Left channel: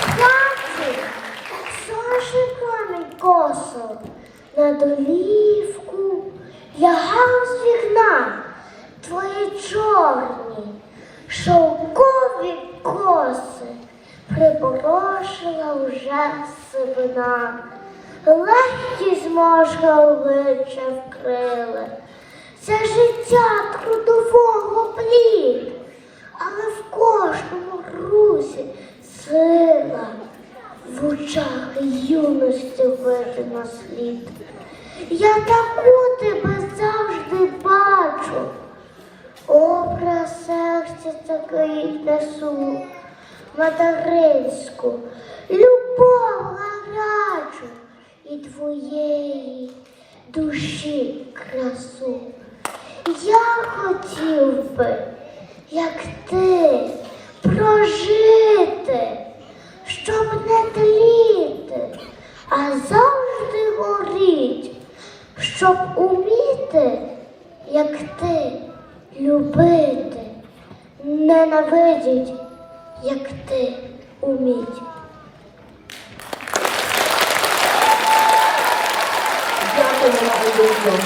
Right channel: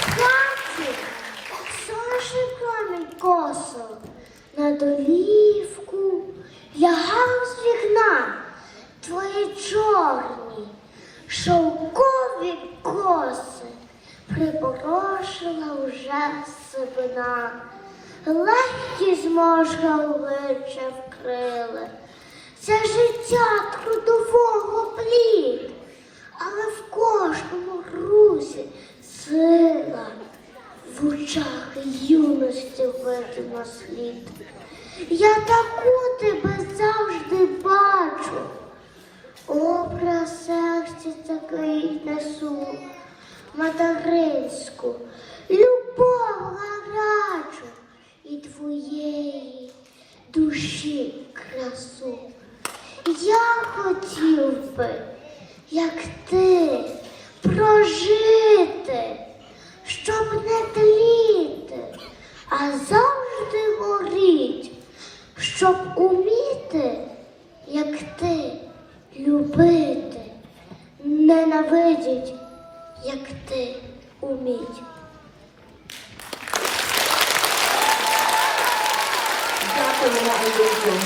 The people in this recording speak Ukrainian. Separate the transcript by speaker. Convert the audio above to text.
Speaker 1: хаті сонячний промінь косо на долівку лягав з вікна твої чорні шовкові коси припорошила вже сивина. Легкі зможги обличчя вкрили. Це життя трудового плід, але в кожному сила, очах юності видно слід. Я таку тебе завжди бачу, образ серця такий несу, материнську, любов гарячу і твоєї душі красу. Я хотів би, як ти, прожити, завжди горіть, щоб уміти, як ти, любити, ненавидіть, як ти уміть.
Speaker 2: Дякую.